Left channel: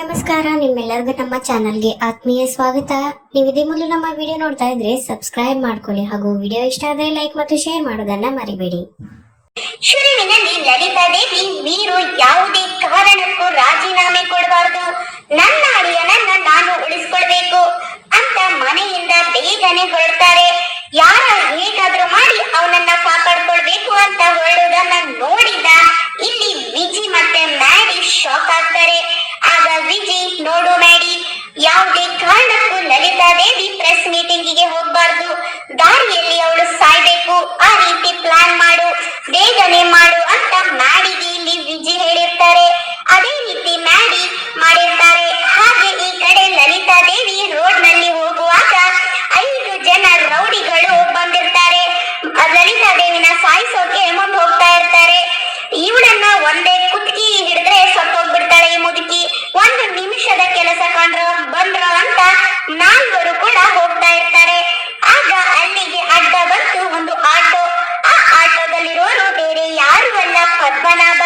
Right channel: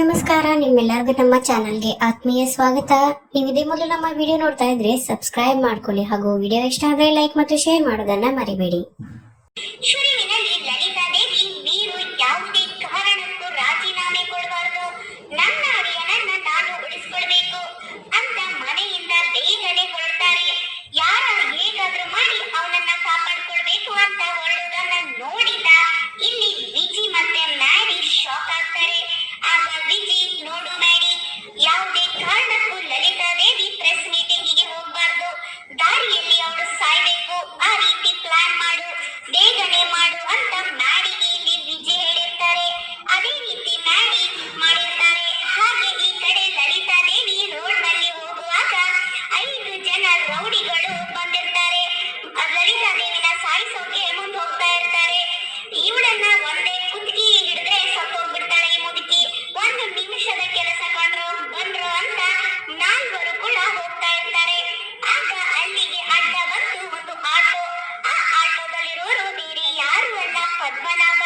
ನಮಸ್ಕಾರ, ನಿಮ್ಮೆಲ್ಲರಿಗೂ ನಮ್ಮ ಚಾನಲ್ಗೆ ಆತ್ಮೀಯ ಸ್ವಾಗತ. ನೀವು ಇದೇ ಮೊದಲು ನಮ್ಮ ವಿಡಿಯೋ ನೋಡ್ತಾ ಇದ್ರೆ ಸಬ್ಸ್ಕ್ರೈಬ್ ಮಾಡ್ಕೊಳ್ಳಿ ಹಾಗೂ ವಿಡಿಯೋ ಇಷ್ಟ ಆದರೆ ಲೈಕ್ ಮತ್ತು ಶೇರ್ ಮಾಡೋದನ್ನ ಮರಿಬೇಡಿ. ಶುರುವಿನಲ್ಲಿ ಲಲಿತಾ ದೇವಿ ವೀರು ಯಾವುದೇ ಕಾರಣಕ್ಕೂ ರಾಜೀನಾಮೆ ಕೊಡಬಾರದು, ನನ್ನ ಅಳಿಯನನ್ನ ನಾನು ಉಳಿಸ್ಕೊಳ್ಬೇಕು ಅಂತ ಮನೆಯಿಂದ ಬೇಗನೆ ಹೊರಡ್ತಾರೆ. ಯಾರ ಹೇಗಾದ್ರೂ ಮಾಡಿ ಅವನನ್ನ ಕಾಪಾಡ್ಕೊಳ್ಬೇಕು ಅಂತ ಹೊರಡುವುದನ್ನ ನೋಡಿದ ಇಲ್ಲಿ ವಿಜಿ ಮತ್ತೆ ಮ್ಯಾಡಿ ಶಾಕ್ ಆಗ್ತಾರೆ. ಆಗ ವಿಜಿ, ನೋಡು ಮ್ಯಾಡಿ, ಯಾವುದೇ ಕಾರಣಕ್ಕೂ ಲಲಿತಾ ದೇವಿ ಪ್ರೆಸ್ ಮೀಟಿಂಗಿಗೆ ಹೋಗ್ಬಾರ್ದು, ದಾರಿಯಲ್ಲಿ ಅವಳು ಸಾಯ್ಬೇಕು, ಆ ರೀತಿ ಪ್ಲಾನ್ ಮಾಡು, ಬೇಗನೆ ಮಾಡು ಅಂತ ಮ್ಯಾಡಿಗೆ ಇಲ್ಲಿ ವಿಜಿ ಹೇಳಿರ್ತಾರೆ. ಅದೇ ರೀತಿ ಮ್ಯಾಡಿ ಮಾಡಿರ್ತಾರೆ. ಹಾಗೆ ಈ ಕಡೆ ಲಲಿತಾ ದೇವಿ ರೋಡ್ ನಲ್ಲಿ ಹೋಗುವಾಗ 5 ಜನ ರೌಡಿಗಳು ಬಂದಿರ್ತಾರೆ. ಲಲಿತಾ ದೇವಿನ ಸಾಯಿಸೋಕೆ ಮುಂದೆ ಹೋಗ್ತಾ ಇರ್ತಾರೆ. ಇವಳನ್ನ ಒಂದೇ ಕುತ್ತಿಗೆ ಹಿಡಿದ್ರೆ ಸತ್ತೋಗ್ಬಿಡ್ತಾಳೆ ಈ ಮುದುಕಿ. 1 ನಿಮಿಷದ ಕೆಲಸ ಬಂದ್ರು ಅಂತ 4 ಕೂಡ ಹೋಗ್ತಾ ಇರ್ತಾರೆ. ಆಗ ಅಲ್ಲಿಗೆ ಅಡ್ಡ ಬಂತು ಒಂದು ಆಟೋ. ಆ ಆಟೋದಲ್ಲಿರೋರು ಬೇರೆ ಯಾರು ಅಲ್ಲ, ಪದ್ಮನಾಭ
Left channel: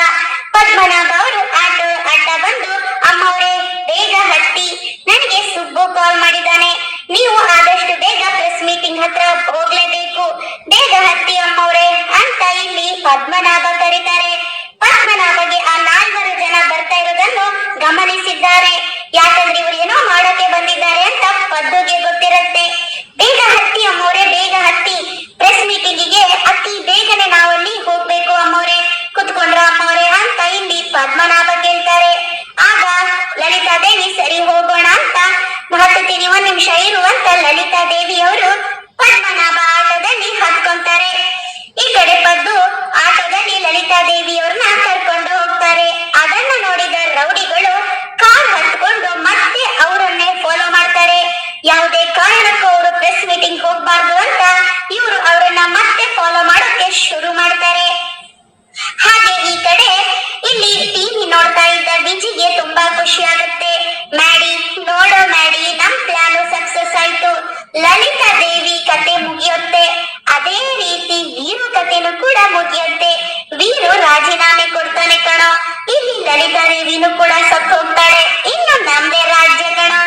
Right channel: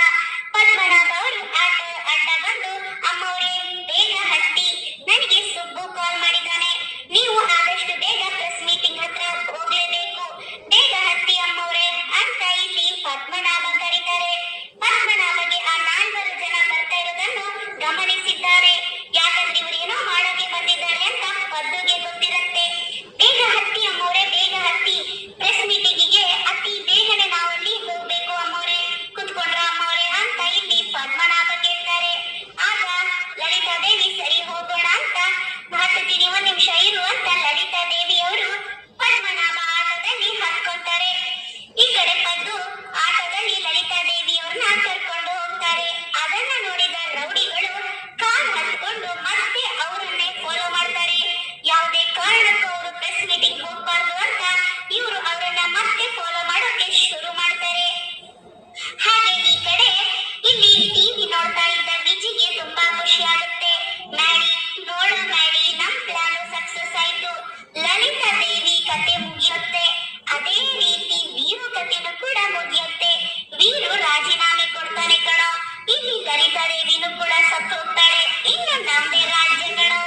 ಅವರು ಆಟೋ ಅಡ್ಡ ಬಂದು, ಅಮ್ಮವ್ರೆ ಬೇಗ ಹತ್ತಿ, ನನಗೆ ಸುಬ್ಬು ಕಾಲ್ ಮಾಡಿದ್ದಾನೆ, ನೀವು ಆದಷ್ಟು ಬೇಗ ಪ್ರೆಸ್ ಮೀಟಿಂಗ್ ಹತ್ರ ಹೋಗ್ಲೇಬೇಕು, ಬೇಗ ಹತ್ತಿ ಅಮ್ಮವ್ರೆ ಅಂತ ಇಲ್ಲಿ ಪದ್ಮನಾಭ ಕರೀತಾರೆ. ಪದ್ಮನಾಭಗೆ ಆ 4 ಜನ ಬರ್ತಾ ಇರೋದನ್ನು ಗಮನಿಸಿದ್ದಾರೆ. ಯಾಕಂದ್ರೆ ಇವರು ಏನೋ ಮಾಡೋಕೆ ಬಂದಿದ್ದಾರೆ ಅಂತ ಪದ್ದುಗೆ ಗೊತ್ತಿರುತ್ತೆ. ಬೇಗ ಹತ್ತಿ ಅಮ್ಮವ್ರೆ, ಬೇಗ ಹತ್ತಿ, ಪ್ರೆಸ್ ಮೀಟಿಂಗಿಗೆ ಅತಿ ಬೇಗನೆ ನಾವಲ್ಲಿ ಹೋಗ್ಬೇಕು ಅಮ್ಮವ್ರೆ, ಕುತ್ಕೊಂಡ್ರ ಅಮ್ಮವ್ರೆ ಅಂತ ಇಲ್ಲಿ ಪದ್ಮನಾಭ ಕೇಳ್ತಾರೆ. ಆಗ ಲಲಿತಾ ದೇವಿ, ಸರಿ ಹೋಗೋಣ ಅಂತ ಹತ್ತೀನಿ, 1 ನಿಮಿಷ ಇರು ಅಂತ ಲಲಿತಾ ದೇವಿ ಅವರು ಪದ್ಮನಾಭ ಆಟೋದಲ್ಲಿ ಹತ್ಕೊಂತಾರೆ. ಈ ಕಡೆ ಪದ್ದು ಆಟೋದಲ್ಲಿ ಲಲಿತಾ ದೇವಿ ಅವ್ರನ್ನ ಕರ್ಕೊಂಡು ಹೋಗ್ತಾರೆ. ಅದನ್ನ ನೋಡಿದ ರೌಡಿಗಳು ಕಾರ್ ಹತ್ಕೊಂಡು ಮತ್ತೆ ಅವರನ್ನೇ ಫಾಲೋ ಮಾಡ್ತಾರೆ. ಯಾವುದೇ ಕಾರಣಕ್ಕೂ ಅವರು ಪ್ರೆಸ್ ಮೀಟಿಂಗ್ ಹೋಗ್ಬಾರ್ದು ಅಂತ ಇವರು ಅವರನ್ನ ಮತ್ತೆ ಫಾಲೋ ಮಾಡೋಕೆ ಶುರು ಮಾಡ್ತಾರೆ. ಹಾಗೆ ಈ ಕಡೆ ಇಲ್ಲಿ ಟಿವಿ ನೋಡ್ತಾ ಇದ್ದ ವಿಜಿಗೆ ತುಂಬಾ ಖುಷಿ ಆಗುತ್ತೆ. ಮ್ಯಾಡಿ, ನೋಡೋ ಮ್ಯಾಡಿ, ನಮ್ ಪ್ಲಾನು ಸಕ್ಸಸ್ ಆಯ್ತು, ಲಲಿತಾ ದೇವಿ ಕತೆ ಮುಗಿಯುತ್ತೆ, ಅದೇ ರೀತಿ ವೀರು ಕತೆನೂ ಕೂಡ ಮುಗಿಯುತ್ತೆ, ವೀರು ರಾಜೀನಾಮೆ ಕೊಡ್ತಾನೆ ಕಣೋ, ಇಲ್ಲಿ ಲಲಿತಾ ದೇವಿನೂ ಕೂಡ ಸತ್ತು ಹೋಗ್ತಾಳೆ, ಇನ್ನು ನಮ್ದೇ ರಾಜ್ಯ ಕಣೋ,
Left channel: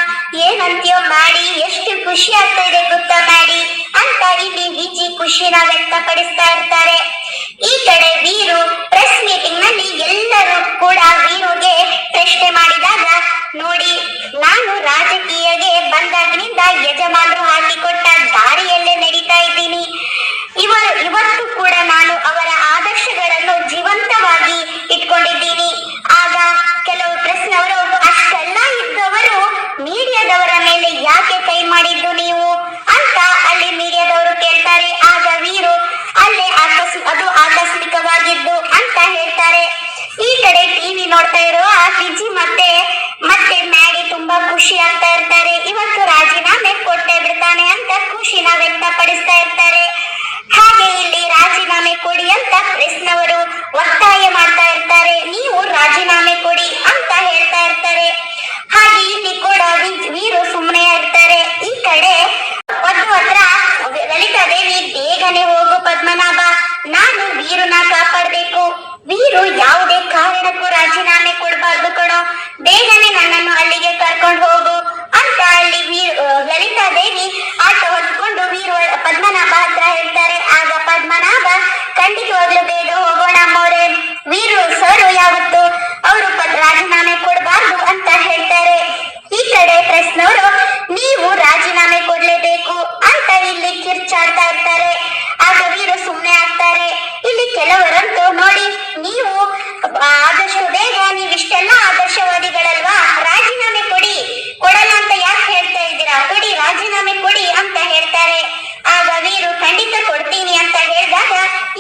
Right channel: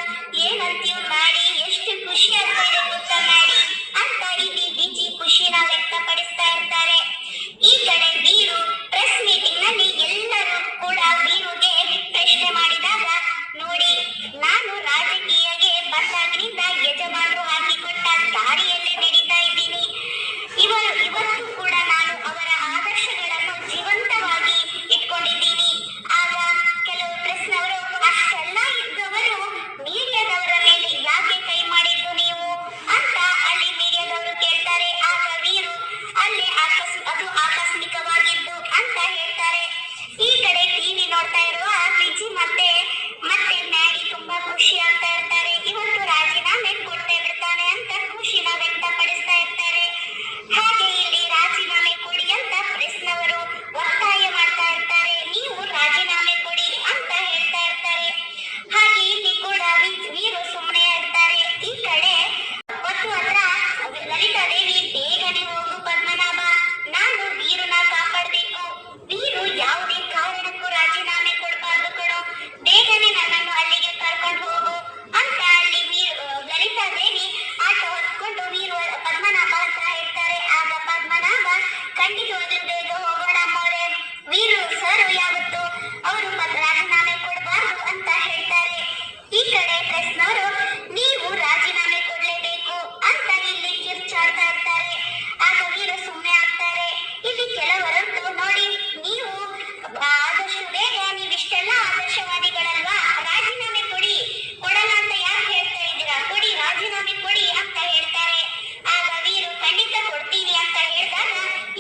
ಏನಂತೀಯೋ ಮ್ಯಾಡಿ, ಎಷ್ಟು ಖುಷಿ ಆಗ್ತಾ ಇದೆ ಗೊತ್ತಾ ಮ್ಯಾಡಿ ಅಂತ ಇಲ್ಲಿ ವಿಜಿ ಖುಷಿನ ವ್ಯಕ್ತಪಡಿಸ್ತಾ ಇರ್ತಾರೆ. ಈ ಕಡೆ ವೀರು ಪ್ರೆಸ್ ಮೀಟಿಂಗ್ ನಲ್ಲಿ ಎಲ್ಲರೂ ಕೂಡ ವೀರುಗೆ ಪ್ರಶ್ನೆ ಮಾಡಿದಾಗ, ನೋಡಿ, ನಾನು ರಾಜಕೀಯಗೆ ಬಂದಾಗಿನಿಂದ ಯಜಮಾನರು ಹಾಕಿಕೊಟ್ಟ ದಾರಿಯಲ್ಲೇ ನಡೀತಾ ಇದ್ದೀನಿ, ಇವತ್ತು ಕೂಡ ನಾನು ಅವರ ಆದರ್ಶಗಳನ್ನು ಜೀವಂತವಾಗಿ ಇಟ್ಕೊಂಡಿದ್ದೀನಿ. ಆಗ ಕೆಲವು ಪ್ರಶ್ನೆಯವರು, ಅಷ್ಟೆಲ್ಲ ಇದ್ದವರು ಮೀಡಿಯಾದವರ ಮೇಲೆ ಯಾಕೆ ಕೈ ಮಾಡಿದ್ದು ನೀವು ಅಂತ ಅಲ್ಲಿ ಮೀಡಿಯಾದವರು ಕೇಳ್ತಾರೆ. ಆಗ ವೀರು, ಅಲ್ಲೇ ಅದು ಆಕಸ್ಮಿಕವಾಗಿದ್ದು ಅಂತ ಹೇಳ್ತಾರೆ. ಈ ಕಡೆ ಟಿವಿ ನೋಡ್ತಾ ಇರೋ ಆ ವಿಜಿ ಮತ್ತೆ ಮ್ಯಾಡಿ ತುಂಬಾ ಖುಷಿ ಆಗ್ತಾ ಇರ್ತಾರೆ. ಇವತ್ತು ರಾಜೀನಾಮೆ ಕೊಟ್ಟೆ ಬಿಡ್ತಾನೆ ಅಂತ ಖುಷಿನ ವ್ಯಕ್ತಪಡಿಸ್ತಾ ಇರ್ತಾರೆ. ಹಾಗೆ ಇಲ್ಲಿ ರಾಜೀನಾಮೆ ಕೊಡಿ ಅಂತ ಪ್ರೆಸ್ನವರು ಒತ್ತಾಯ ಮಾಡ್ತಾ ಇರ್ತಾರೆ. ನೀವು ರಾಜೀನಾಮೆ ಕೊಡಿ ಅಂತ ಹೇಳ್ತಾ ಇರ್ತಾರೆ. ಹಾಗೆ ಇಲ್ಲಿ ಕೂಡ ವೀರು ಸುಮ್ಮನೆ ಇರ್ತಾರೆ. ಈ ಕಡೆ ಪದ್ದು ಹತ್ರ ಲಲಿತಾ ದೇವಿ, ಬೇಗನೆ ಹೋಗು ಪದ್ಮನಾಭ, ನಾನು ವೀರುನ ಕಾಪಾಡಬೇಕು, ವೀರು ಯಾವುದೇ ಕಾರಣಕ್ಕೂ ರಾಜೀನಾಮೆ ಕೊಡಬಾರ್ದು ಕಣೋ, ಬೇಗನೆ ನನ್ನನ್ನು ಅಲ್ಲಿಗೆ ಕರ್ಕೊಂಡು ಹೋಗು ಅಂತ ಅಲ್ಲಿ ಲಲಿತಾ ದೇವಿ ಆಟೋ ಹೊತ್ಕೊಂಡು ಪದ್ಮನಾಭ ಹತ್ರ ಹೇಳ್ತಾರೆ. ಆಗ ಪದ್ಮನಾಭ, ಖಂಡಿತವಾಗ್ಲೂ ಬೇಗ ಹೋಗೋಣ ಅಮ್ಮವ್ರೆ, ವೀರು ಸರ್ ಯಾವತ್ತು ಅವರು ರಾಜೀನಾಮೆ ಕೊಡಬಾರ್ದು ಅಂತ ಹೇಳ್ತಾರೆ. ಈ ಕಡೆ ಪ್ರೆಸ್ನವರು, ನೀವು ರಾಜೀನಾಮೆ ಕೊಡ್ಲೇಬೇಕು ಅಂತ ಇಲ್ಲಿ ಕಿರ್ಚಾಡ್ತಾ ಇರ್ತಾರೆ. ಆಗ ವೀರು ಸುಮ್ಮನೆ ಆಗ್ತಾರೆ. ಇಲ್ಲಿ ಕೆಲವರಂತೂ, ನೋಡಿ, ನೀವು ಆದಷ್ಟು ಬೇಗ, ನೀವಿಷ್ಟೆಲ್ಲ ಆದರ್ಶವಾದಿಗಳಲ್ವಾ, ರಾಜೀನಾಮೆ ಕೊಡಲ್ಲ ಅಂತ ಯಾಕೆ ಹೇಳ್ತಾ ಇದ್ದೀರಾ, ಕೊಡಿ, ರಾಜೀನಾಮೆ ಕೊಡಿ ಅಂತ ಹೇಳ್ತಾರೆ. ಆಗ ವೀರು, ಖಂಡಿತ ಕೊಡ್ತೀನಿ ಅಂತ ಹೇಳಿದಾಗ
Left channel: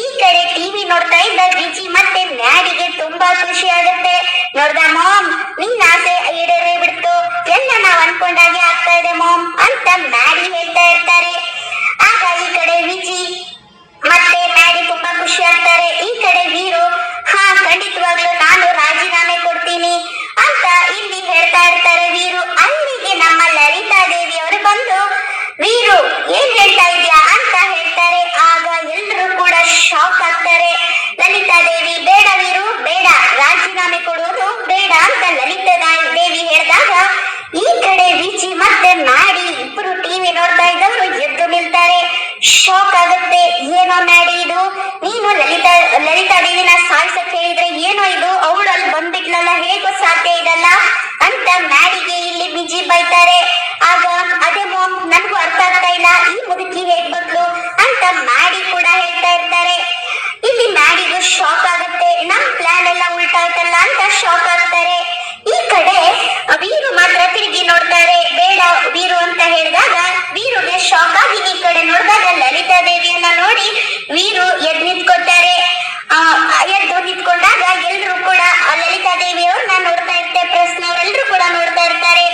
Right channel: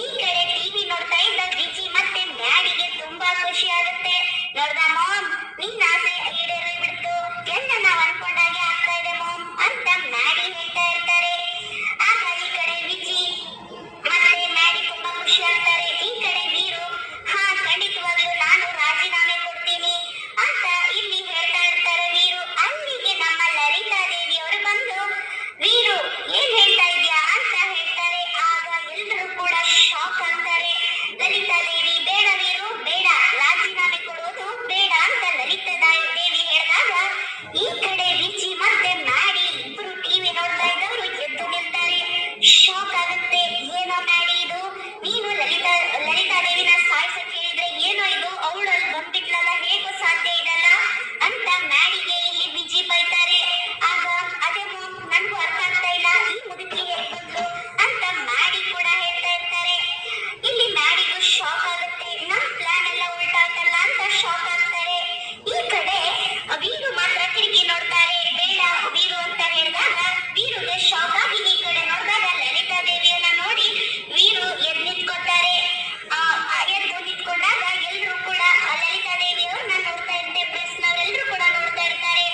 ಈ ಕಡೆ ಟಿವಿ ನೋಡ್ತಾ ಇದ್ದ ವಿಜಿ ಮತ್ತೆ ಮ್ಯಾಡಿಗೆ ತುಂಬಾ ಖುಷಿ ಆಗುತ್ತೆ. ನೋಡ್ದ ಮಾಮ್, ನಿನ್ನ ಆಸೆ ಈಡೇರಿ ಬಿಡ್ತು, ಎಲ್ಲ ನಾವ್ ಅನ್ಕೊಂಡಾಗೆ ಆಗ್ತಾ ಇದೆ ಮಾಮ್ ಅಂತ ಮ್ಯಾಡಿ ಹೇಳ್ತಾ ಇರ್ತಾರೆ. ಆಗ ಈ ಕಡೆ ವಿಜಿ ಮತ್ತೆ ಮ್ಯಾಡಿ ತುಂಬಾ ಖುಷಿ ಆಗ್ತಾರೆ. ಈ ಕಡೆ ವೀರು, ಹಾ, ಖಂಡಿತವಾಗ್ಲೂ ನಾನು ರಾಜೀನಾಮೆ ಕೊಡ್ತೀನಿ ಅಂತ ಇಲ್ಲಿ ಹೇಳ್ತಾ ಇರ್ತಾರೆ ವೀರು. ಅಲ್ಲಿಗೆ ನಮ್ಮ ಲಲಿತಾ ದೇವಿ ಅವರು ಬಂದು, ವೀರು ಏನ್ ಹೇಳ್ತಾ ಇದ್ಯಾ ಅಂತ ಹೇಳ್ತಾರೆ. ಆಗ ಎಲ್ಲರೂ ಕೂಡ ಶಾಕ್ ಆಗ್ತಾರೆ. ಲಲಿತಾ ದೇವಿ, ಬೇಡ ವೀರು, ಬೇಡ, ರಾಜೀನಾಮೆ ಕೊಡುವುದು ಬೇಡ ಅಂತ ಲಲಿತಾ ದೇವಿ ಹೇಳ್ದಾಗ ಸಾಯಿಸಕ್ ಹೇಳಿದ್ರೆ ಏನೋ ಇದು ಅವಳು ಅಲ್ಲಿ ಬಂದ್ಬಿಟ್ಲಲ್ಲ, ಹೇಗೋ ಸಾಧ್ಯ ಇದಲ್ಲ ಅಂತ ಮ್ಯಾಡಿಗೆ ಇಲ್ಲಿ ವಿಜಿ ಬೈತಾರೆ. ಆಗ ಅದೇ ಮಾಮ್, ನನ್ಗೂ ಅರ್ಥ ಆಗ್ತಾ ಇಲ್ಲ, ಈ ಮುದುಕಿ ಹೇಗ್ ಬಂದ್ಲು ಅಂತ ಮ್ಯಾಡಿ ಕೂಡ ಹೇಳ್ತಾ ಇರ್ತಾರೆ. ಇಲ್ಲಿ ಮ್ಯಾಡಿಗೂ ಶಾಕ್ ಆಗುತ್ತೆ, ನಮ್ ಪ್ಲಾನ್ ಎಲ್ಲ ಉಲ್ಟಾ ಆಯ್ತಲ್ಲ ಅಂತ ಶಾಕ್ ಆಗ್ತಾರೆ. ಈ ಕಡೆ ವೀರು ಮಾತ್ರ ತಿರುಗಿ ನೋಡ್ತಾರೆ. ಬೇಡ ವೀರು ಅಂತ ಹೇಳಿದಾಗ ವೀರುಗೆ ಶಾಕ್ ಆಗಿ ಈ ಕಡೆ ನೋಡಿದಾಗ ಲಲಿತಾ ದೇವಿಯನ್ನ ನೋಡಿ ವೀರು ಎದ್ದು ನಿಂತ್ಕೊತಾರೆ. ಎದ್ದು ನಿಂತ್ಕೊಂಡಾಗ ಎಲ್ರು ಕೂಡ ಲಲಿತಾ ದೇವಿಯವ್ರನ್ನ ನೋಡ್ತಾ ಇರ್ತಾರೆ. ಪ್ರೆಸ್ನವರೆಲ್ಲರೂ ಕೂಡ ನೋಡ್ತಾ ಇರ್ತಾರೆ.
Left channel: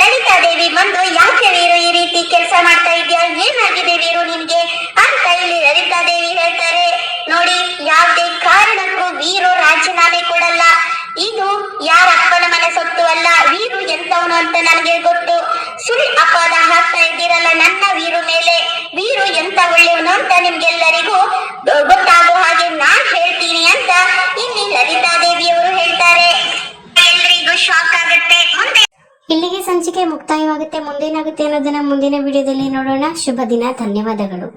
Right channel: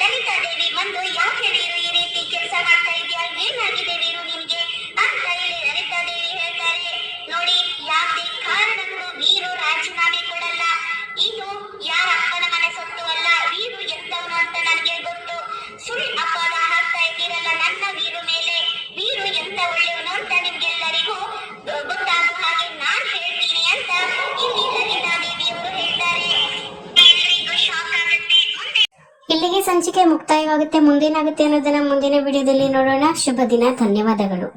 ಲಲಿತಾ ದೇವಿ ಬಂದು, ಯಾಕೆ ವೀರು ಈ ರೀತಿ ಕೆಲಸ ಮಾಡ್ತಾ ಇದ್ಯಾ, ಏನಾಗಿದೆ ವೀರು ನಿನ್ಗೆ ಅಂತ ಇಲ್ಲಿ ಲಲಿತಾ ದೇವಿ ಹೇಳ್ತಾರೆ. ನೋಡಿ, ಯಾವುದೇ ಕಾರಣಕ್ಕೂ ವೀರು ರಾಜೀನಾಮೆ ಕೊಡಲ್ಲ. ಇದು ಯಾರ ಅಪ್ಪನ ಮನೆ ಸೊತ್ತು ಅಲ್ಲ, ವೀರು ಎಂತವನು ಅಂತ ನನಗೆ ಗೊತ್ತು. ಸುಳ್ಳು ಅಪವಾದ ಹಾಕ್ತಾ ಇದ್ದೀರಲ್ಲ ನನ್ನ ವೀರು ಮೇಲೆ. ವೀರು ಎಂತ ಒಳ್ಳೆಯವನು ಅಂತ ನಿಮ್ಗೆಲ್ಲರಿಗೂ ಗೊತ್ತಾಗೋ ಹಾಗೆ ನಾನ್ ಹೇಳ್ತೀನಿ ಅಂತ ಇಲ್ಲಿ ಲಲಿತಾ ದೇವಿಯವರು ಹೇಳ್ತಾರೆ. ಎಲ್ಲರಿಗೂ ಶಾಕ್ ಆಗುತ್ತೆ. ಮುಂದೆ ಇಲ್ಲಿಗೆ ಸಂಚಿಕೆ ಮುಕ್ತಾಯವಾಗುತ್ತೆ. ಮುಂದೇನಾಗುತ್ತೆ ಅನ್ನೋದನ್ನ ಮುಂದಿನ ವಿಡಿಯೋದಲ್ಲಿ ನೋಡೋಣ. ಶುಭ ದಿನ. ಧನ್ಯವಾದಗಳು.